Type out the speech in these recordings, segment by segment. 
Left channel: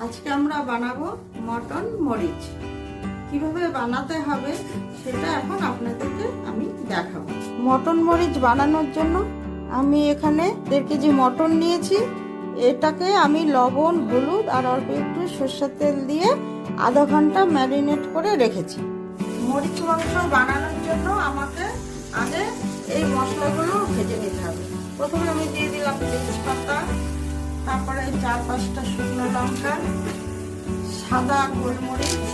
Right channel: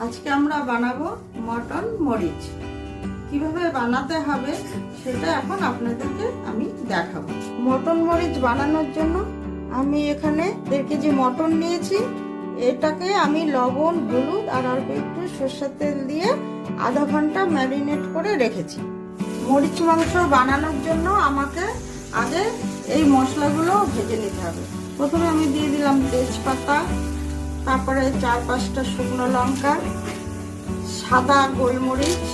আজকে আমরা বানাবো মটন মরিচ। কিভাবে বানাতে হবে সেটা এখন আপনাদেরকে আমি দেখাবো। মটন মরিচ বানানোর জন্য আমি এখানে 1.5 কেজি মটন নিয়েছি। এটাকে আমি লবণ, হলুদ আর অল্প একটু সরষের তেল দিয়ে আধা ঘন্টা ম্যারিনেট করে রেখেছি। মরিচ মাংস বানানোর জন্য আমাকে আগে এই মশলাগুলো ভেজে নিতে হবে। প্রথমে আমি দিয়ে দিলাম তেজপাতা, তারপরে 4-5টা শুকনো লঙ্কা, সাদা গোলমরিচ,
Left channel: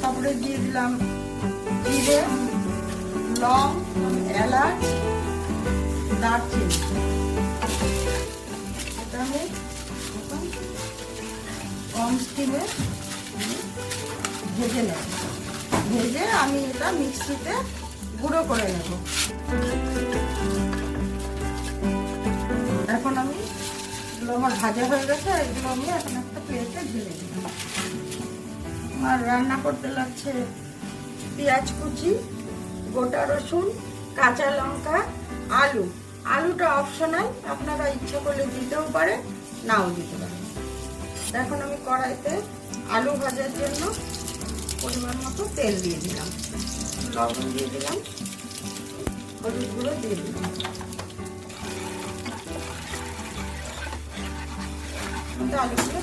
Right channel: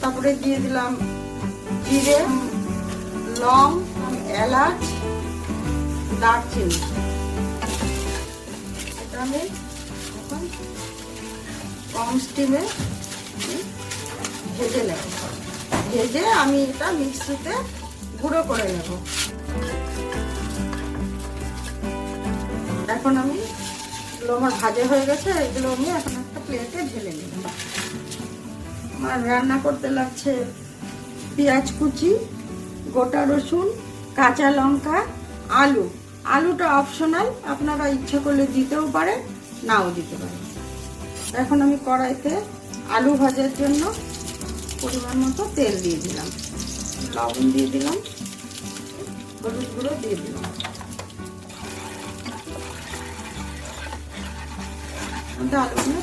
তারপরে দিয়ে দিলাম জিরে, লং, এলাচ, দারচিনি। এটা আমি কম স্টিমে ভেজে নেব। ভেজে আমি এটা মিক্সিতে গুঁড়ো করে নেব। এখন আমি এগুলো আমার ভাজা হয়ে গেছে, এগুলো আমি এখন একটা প্লেটে ঢেলে নেব। আমার রান্না করতে লাগছে পেঁয়াজ কুচি, গোটা রসুন, কাঁচা লঙ্কা, আলু। আলুটা অপশনাল, আপনারা ইচ্ছে করলে দিতেও পারেন, নাও দিতে পারেন। এখন আমি কড়াইতে আলু ভাজার জন্য পরিমাণ মতো তেল দিয়ে দিলাম, লবণ দিয়ে দিলাম, হলুদগুলো দিয়ে দিলাম। আলুগুলো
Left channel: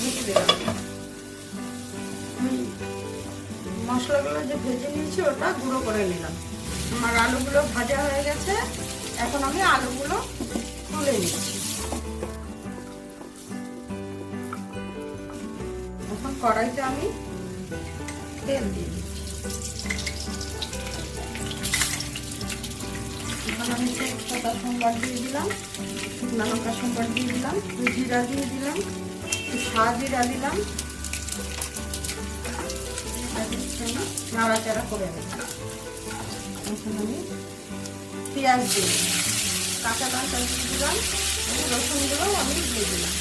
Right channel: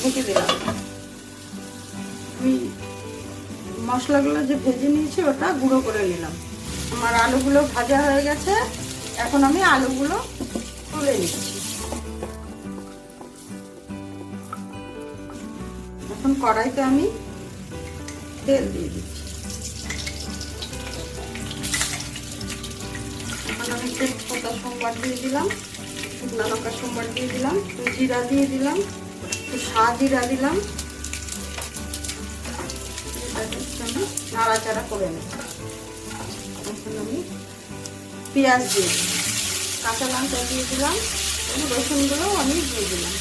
ঢেকে দিলাম। আমি মশলাগুলো যে ভেজে নিয়েছি ওটা গুঁড়ো করে নিলাম। আমার আলুগুলো ভাজা হয়ে গেছে, এখন আমি আলুগুলো তুলে নিচ্ছি। এখন কড়াইতে আমি তেল দিয়ে দিচ্ছি। আমি তেজপাতা সম্বার দিয়ে দিলাম, শুকনো লঙ্কা সম্বার দিয়ে দিলাম, জিরা দিয়ে দিলাম, সাজিরা দিলাম, নাড়াচাড়া করে নিই। এখন আমি পেঁয়াজ দিয়ে দিলাম, কাঁচা লঙ্কা দিয়ে দিলাম, রসুনগুলো আমি দিয়ে দিলাম।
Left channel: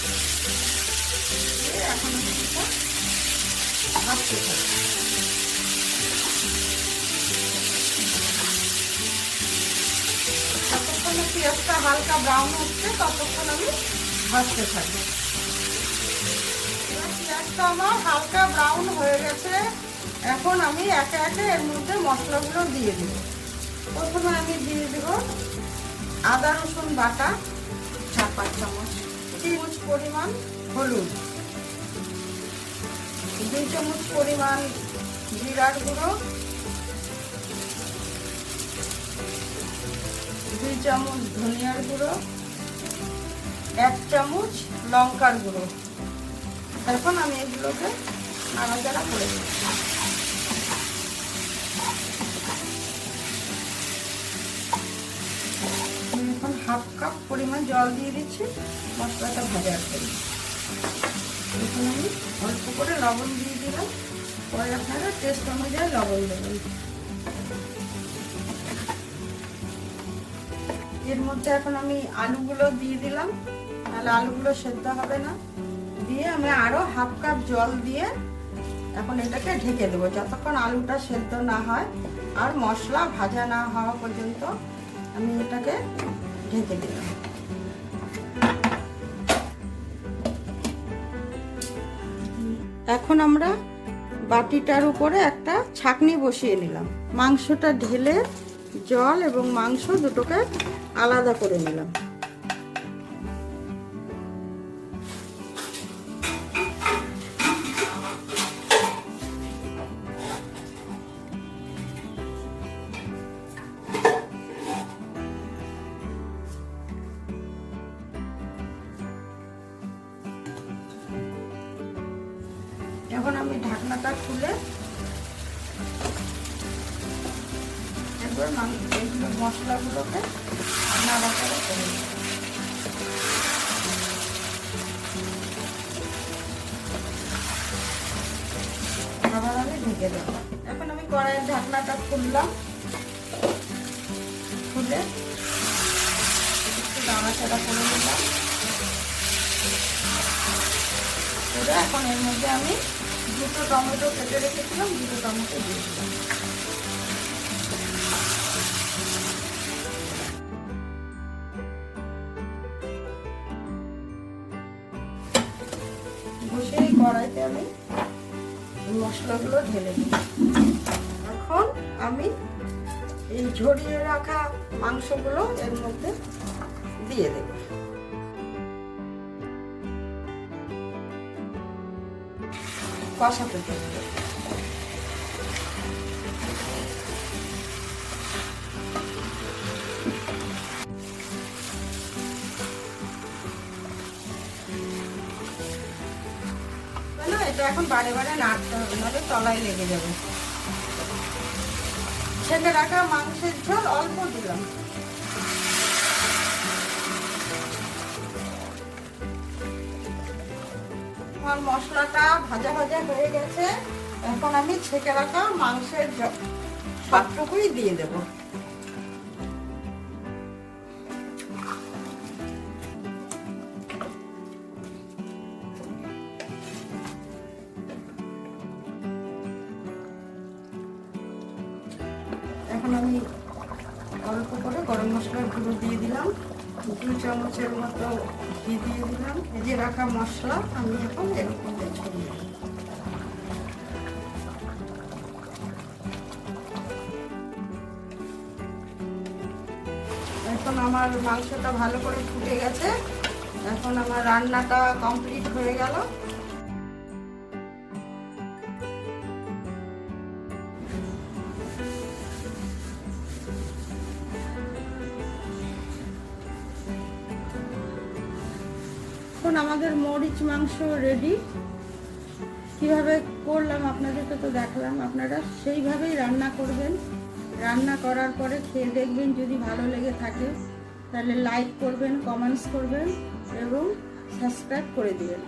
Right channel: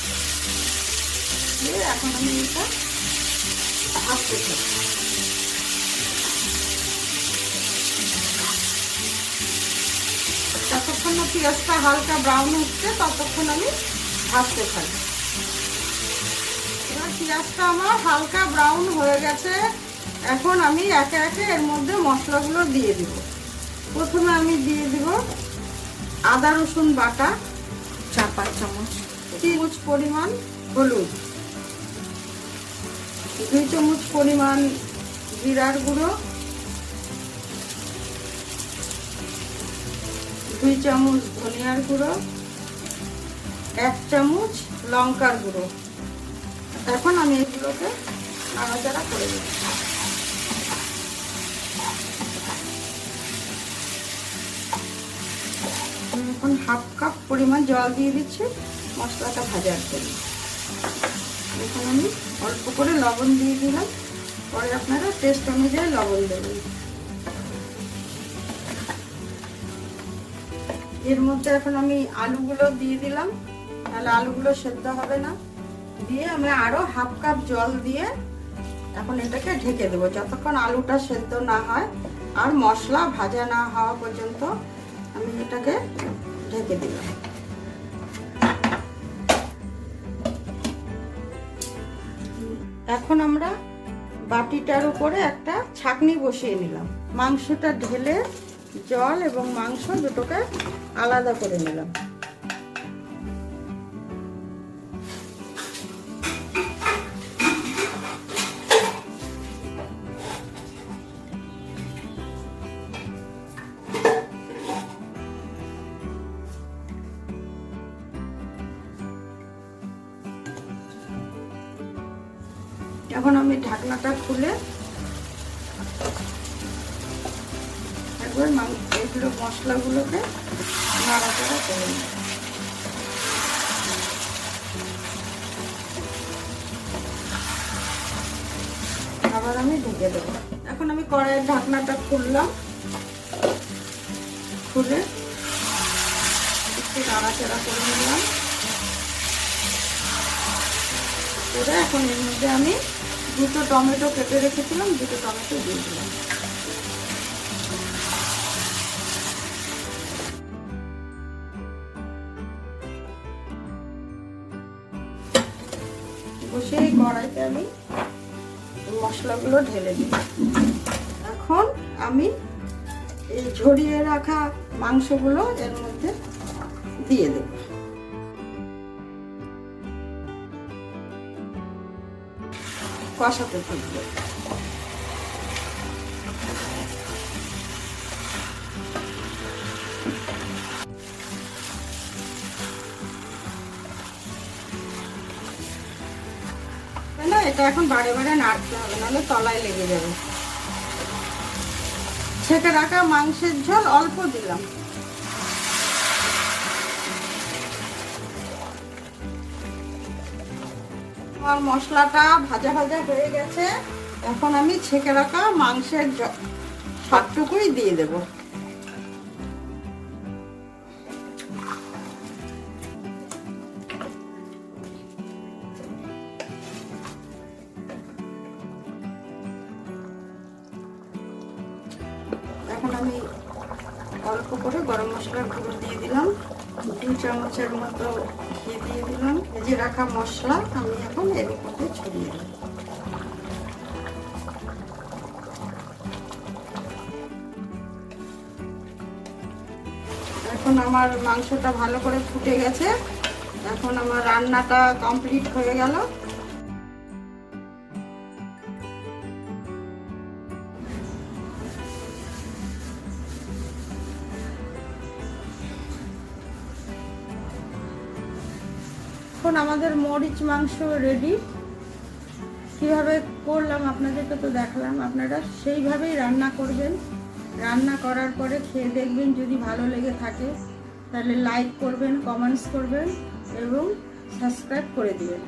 এখন আমি এটা ভাজতে থাকি। যতক্ষণ না পেঁয়াজটা হালকা ব্রাউন হচ্ছে ততক্ষণ আমি ভাজতে থাকি। পেঁয়াজটা আমার হালকা ব্রাউন হয়ে গেছে। এখন আমি একে একে এর মধ্যে মশলাগুলো দিয়ে দিব। প্রথমে আমি দিয়ে দিব আদা রসুন বাটা 4-5 চামচ, 3 চামচ পরিমাণ হলুদ, 2 চামচ পরিমাণ জিরার গুঁড়ো, 2 চামচ ধনিয়ার গুঁড়ো, 1 চামচ লঙ্কার গুঁড়ো। এখন আমি এগুলোকে নাড়াচাড়া করে দেব। এখন 1/2 কাপ পরিমাণ জল দিয়ে দিচ্ছি মশলাটা ভাজার জন্য। এখন আমি অল্প করে লবণ দিয়ে দিলাম, পরে আপনারা টেস্ট অনুযায়ী লবণ দেবেন। এর মধ্যে এখন আমি আলুগুলো দিয়ে দিলাম, তাহলে আলুগুলো সেদ্ধ হবে না। দিয়ে আমি আরো 1/2 কাপ জল দিয়ে এখন এটাকে ঢেকে দেবো যতক্ষণ আলুটা সেদ্ধ না হয় আর মশলা ভাজা না হওয়া পর্যন্ত আমি এটাকে ঢেকে দেব। এখন আমরা বাটিটার উপরে একটা ছাঁকনি বসিয়ে নিলাম। মাংসটা ঢেলে জল এবং মাংস দুটোকে আলাদা করে নিলাম। এখন আমি ঢাকনাটা খুলে একবার এইগুলো মশলাগুলোকে নাড়াচাড়া করে নেব। আবার আমি ঢেকে দেব। এখন আমি কড়াইয়ের ঢাকনাটা খুললাম, খুলে একটু নাড়াচাড়া করে নিলাম। এখন এর মধ্যে আমি 2টো টমেটো কেটে রেখেছিলাম, 2টো টমেটো দিয়ে দিলাম। বসিয়ে কড়াইতে আমি এই মশলাগুলো ঢেলে দিই। এখন আমি এই ঝরিয়ে রাখা মাংসগুলো এর মধ্যে দিয়ে দেব। কষাতে থাকবে। এটা এখন বারে বারে নাড়তে হবে, নাহলে তলায় লেগে যাবে। ছেঁকে রাখা মাংসের ঝোল অল্প দিলাম। আমার মশলাটা ভাজা ভাজা হয়ে গেছে, এখন আমি ছেঁকে রাখা মাংসের সবটুকুই দিয়ে দেব। এখন আমি অল্প করে গরম মশলার গুঁড়ো দিয়ে দিলাম, 2 চামচের মতো ঘি দিয়ে দিলাম। ভেজে রাখা মশলা আমি এখন এর মধ্যে ছড়িয়ে দিলাম। এখন আমার মাংসটা ভালো করে ফুটে গেছে, এখন আমার রান্নাটা কমপ্লিট হয়ে গেল। এখন আমাদের মরিচ মাংস রেডি। কিভাবে করলাম আপনাদেরকে তো দেখালাম, আপনারা সেইভাবেই রান্না করবেন। রান্না করার পরে খেয়ে দেখবেন, যদি ভালো লেগে থাকে তাহলে লাইক করবেন, কমেন্টস করবেন এবং সাবস্ক্রাইব করে দিবেন।